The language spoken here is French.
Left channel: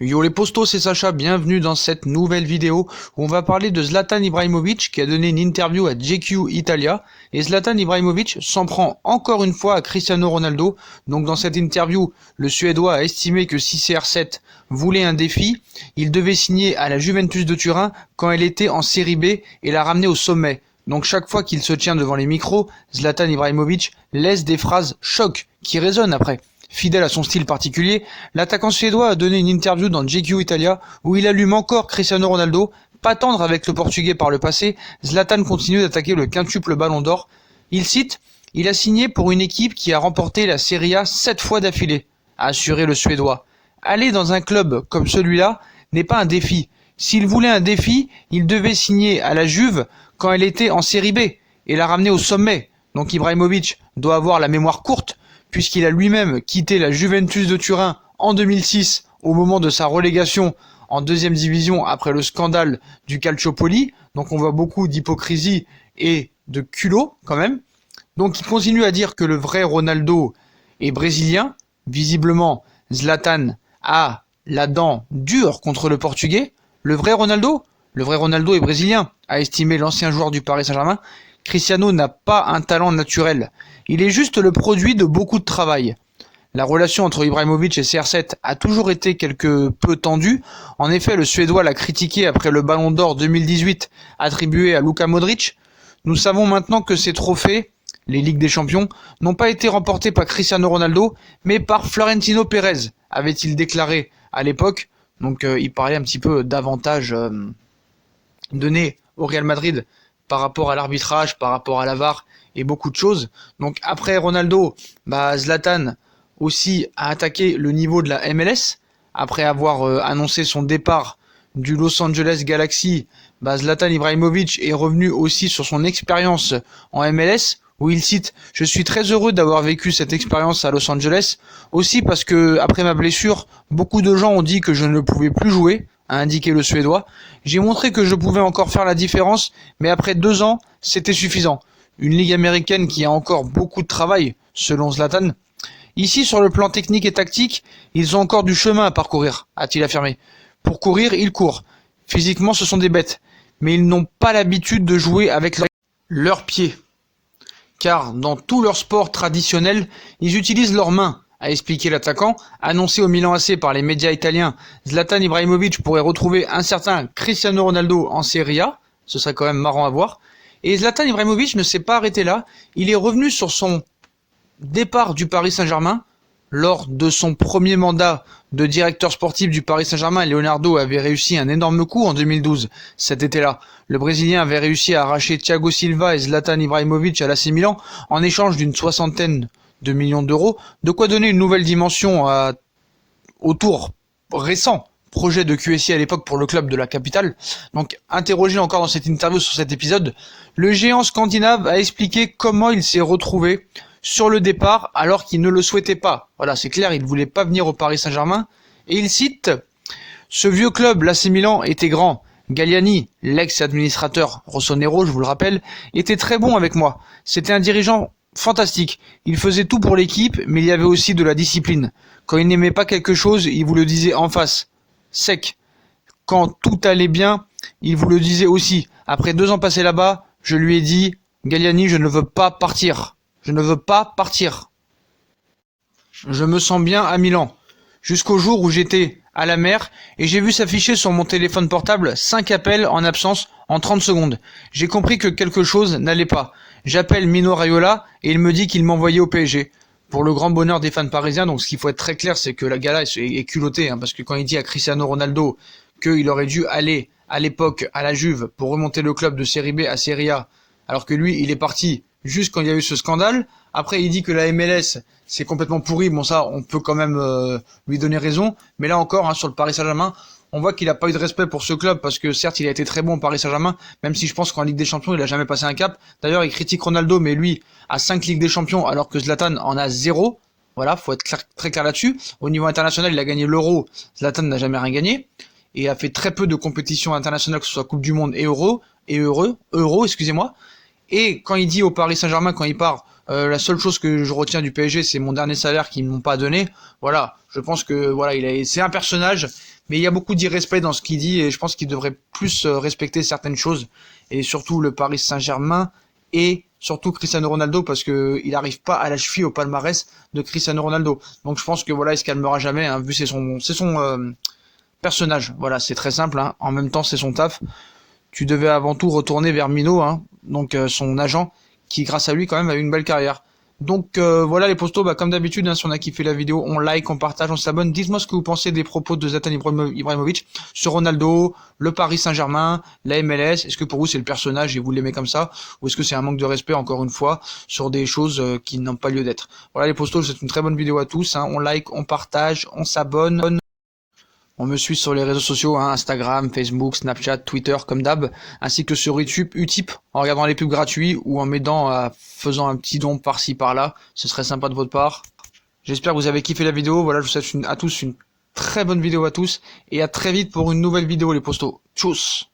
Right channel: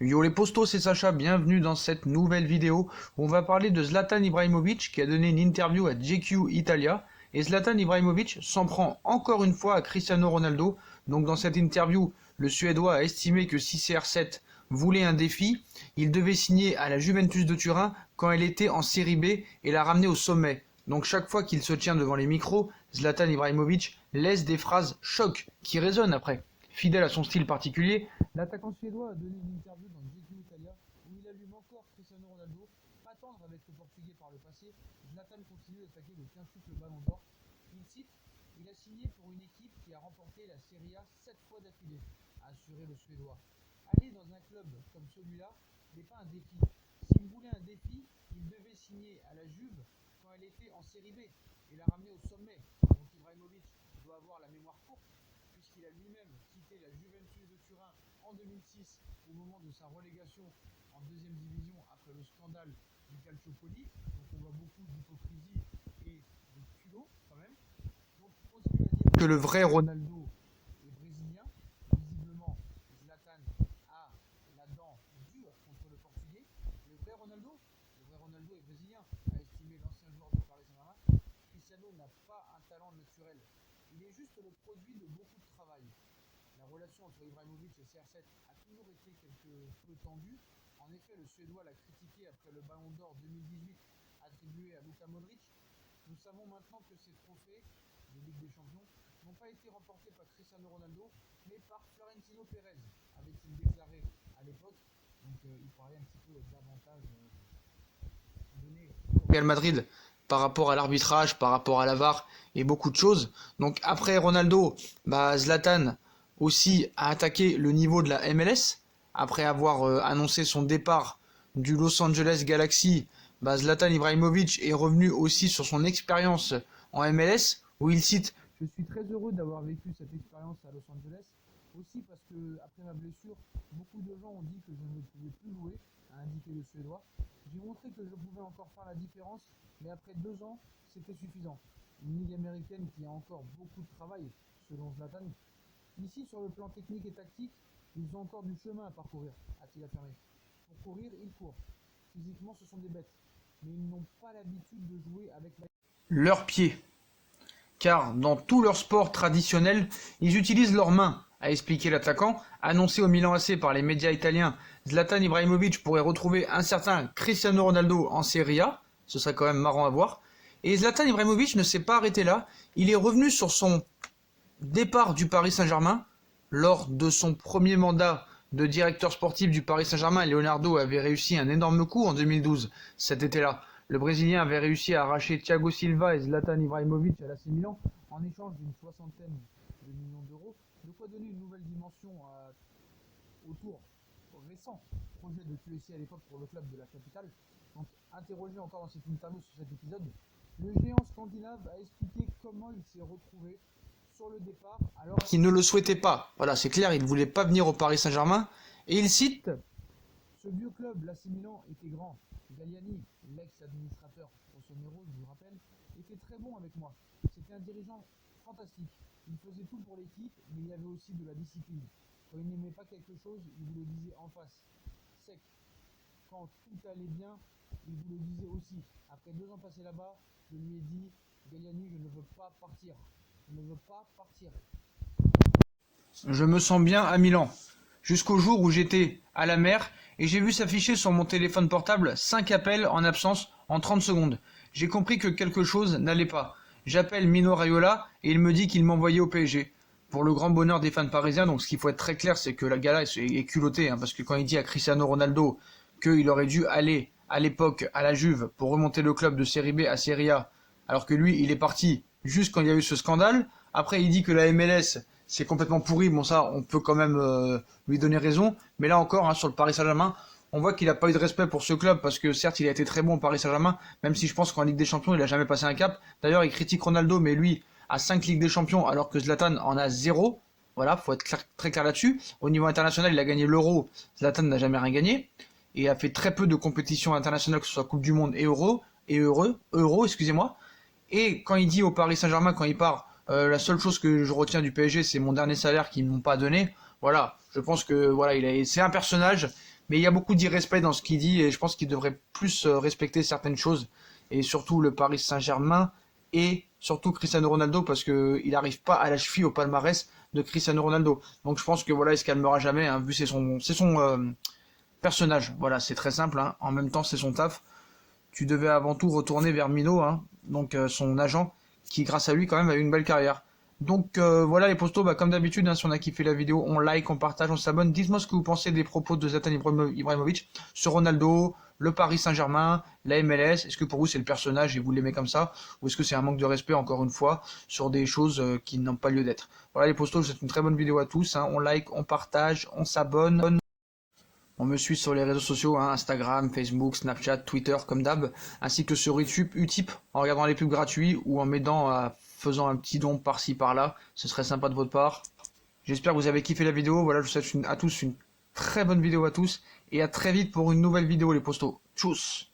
Yo les postos, c'est Sacha, bienvenue dans cette nouvelle vidéo où on va parler de Zlatan Ibrahimovic qui a donné une interview à GQ Italia. Et Zlatan Ibrahimovic s'en prend encore une fois à Cristiano Ronaldo. Donc dans cette interview, le Suédois a estimé que si CR7 voulait un défi, il devait signer à la Juventus de Turin quand elle était en série B et la ramener au sommet. Donc chaque fois qu'il se tient devant les micros, Zlatan Ibrahimovic laisse des phrases choc qui résonnent après. Fidèle à son style particulier, l'attaquant suédois a donné une interview dans GQ Italia où il allume encore Cristiano Ronaldo. Pas tendre avec le portugais par le passé, Zlatan continue d'attaquer le quintuple ballon d'or. Il cite « Il a signé pour une équipe qui a remporté la Serie A 7 fois d'affilée », a assuré le suédois. Aller dans un club comme celui-là n'est pas un défi. S'il voulait un défi, il devait signer à la Juve quand elle était en série B et la ramener au sommet. Donc Ibrahimovic doit avoir la mémoire courte, puisqu'il a lui-même quitté la Juventus de Turin en 2006 au moment de sa relégation en deuxième division après le scandale du Calciopoli. Donc on voit beaucoup d'hypocrisie et de culot quand même. Donc il continue à dire que le vrai Ronaldo est brésilien. Visiblement, Zlatan a la dent dure contre le portugais. Le vrai Ronaldo est brésilien, a estimé l'ancien joueur du Paris Saint-Germain. Cristiano n'a pas un talent naturel. Il est juste le produit de beaucoup de travail. La relation entre Ibrahimovic et CR7 a toujours été quelque peu tendue. En effet, le Suédois l'a critiqué après le Ballon d'Or 2018 attribué à Luka Modric. Nous savons maintenant que ces trophées, les Ligues des Champions, n'ont pas été remportés par Cristiano Ronaldo, mais par Florentino Pérez, avait-il déclaré à l'époque. Donc il parlait un petit peu d'avantages donnés au Real Madrid par rapport à l'arbitrage, par rapport à la VAR et beaucoup de choses. Donc après Ronaldo, Zlatan aussi a attaqué le niveau de la MLS. Après avoir annoncé son départ du Los Angeles Galaxy, Zlatan Ibrahimovic est revenu aussi sur son expérience en MLS, où il cite « Je suis très heureux d'avoir vécu cette expérience à Los Angeles, aussi parce que après ma blessure, beaucoup de gens ont dit que je ne pouvais plus jouer », a indiqué le Suédois. « J'ai montré que je pouvais encore faire la différence, mais après 2 ans, c'était suffisant. Une ligue américaine qui a encore beaucoup de travail, selon Zlatan. Ici, sur le plan technique et tactique, ils ont encore du chemin à parcourir, a-t-il affirmé. Pour courir, ils courent. Physiquement, ce sont des bêtes, mais ils n'ont pas l'habitude de jouer avec leurs pieds. Car dans tous leurs sports traditionnels, ils utilisent leurs mains, a expliqué l'attaquant. Annoncé au Milan AC par les médias italiens, Zlatan Ibrahimovic pourrait retrouver un certain Cristiano Ronaldo en Serie A. Ce serait quand même marrant à voir. Et Zlatan Ibrahimovic ne s'est pas arrêté là. Il est revenu sur son départ du Paris Saint-Germain. Lors de son premier mandat de directeur sportif du Paris Saint-Germain, Leonardo avait réussi un énorme coup en 2012, cet été-là. Le Brésilien avait réussi à arracher Thiago Silva et Zlatan Ibrahimovic à l'AC Milan en échange d'une 60aine de millions d'euros, de quoi donner une nouvelle dimension au tour récent projet de QSI à l'époque pour le club de la capitale. Donc interrogé encore dans cette interview sur cet épisode, le géant scandinave a expliqué comment il s'est retrouvé sur le départ alors qu'il ne le souhaitait pas. Voilà, c'est clair, il ne voulait pas venir au Paris Saint-Germain. Et il cite « Ce vieux club, l'AC Milan, était grand. Galliani, l'ex-administrateur Rossonero, je vous le rappelle, était très bon avec moi. C'était un dirigeant fantastique. Il faisait tout pour l'équipe, mais il y avait aussi de la discipline. Quand il n'aimait pas quelque chose, il vous le disait en face. Sec. Quand tout allait bien, il vous le disait aussi. Après 2 ans passés là-bas, je lui ai dit « Galliani, je ne veux pas partir. Je ne veux pas partir. Je me sens bien à Milan. » Jusqu'au jour où j'étais à la mer et j'ai vu s'afficher sur mon téléphone portable 5 appels en absence en 30 secondes. J'ai compris que quelque chose n'allait pas. J'appelle Mino Raiola et il me dit qu'il m'envoyait au PSG. Pour le grand bonheur des fans parisiens, donc ce qu'il faut être très clair, c'est que la gala est culottée, parce que quand il dit à Cristiano Ronaldo qu'il aurait dû aller à l'époque à la Juve pour remonter le club de Série B à Série A, alors que lui, il est parti juste quand il y a eu ce scandale. Après, il dit que la MLS, c'est complètement pourri. Bon, ça, on peut quand même lui donner raison. Mais là encore, sur le Paris Saint-Germain, on voit qu'il n'a pas eu de respect pour ce club parce que certes, il a été très bon au Paris Saint-Germain, même si je pense qu'en Ligue des Champions, il n'a jamais passé un cap. D'ailleurs, il critique Ronaldo, mais lui a 5 Ligues des Champions alors que Zlatan en a 0. Voilà, faut être très clair là-dessus. Au niveau international, il a gagné l'Euro. Zlatan n'a jamais rien gagné. Et a fait très peu de compétitions internationales, que ce soit Coupe du Monde et Euro, excusez-moi. Et quand il dit au Paris Saint-Germain, quand il part, la seule chose que je retiens du PSG, c'est mon dernier salaire qu'ils m'ont pas donné. Voilà, je pense que voilà, c'est un personnage Mais il y a beaucoup d'irrespect dans ce qu'il dit et je pense qu'il devrait plus respecter certaines choses et surtout le Paris Saint-Germain et surtout Cristiano Ronaldo parce que il n'arrive pas à la cheville au palmarès de Cristiano Ronaldo. Donc je pense que voilà, il se calmera jamais, hein, vu c'est son personnage. Voilà, c'est très simple, hein. En même temps, c'est son taf. Tu devais avant tout retourner vers Mino, hein, donc son agent, qui grâce à lui quand même a eu une belle carrière. Donc voilà les postos, bah, comme d'habitude, hein, si on a kiffé la vidéo, on like, on partage, on s'abonne. Dites-moi ce que vous pensez des propos de Zlatan Ibrahimovic sur Ronaldo, le Paris Saint-Germain, la MLS. Est-ce que pour vous c'est le personnage et vous l'aimez comme ça, ou est-ce que c'est un manque de respect encore une fois sur des choses qui n'ont pas lieu d'être. Voilà les postos, c'est une très bonne vidéo à tous, hein. On like, on partage, on s'abonne. On me suit sur les réseaux sociaux, hein, Instagram, Facebook, Snapchat, Twitter, comme d'hab, ainsi que sur YouTube, Utip, en regardant les pubs gratuits ou en m'aidant faisant un petit don par-ci par-là. Ce serait sympa de votre part. J'espère que vous avez kiffé la vidéo. Voilà, je vous souhaite à tous une très bonne vidéo à tous et à très vite pour une nouvelle vidéo les postos. Tchuss!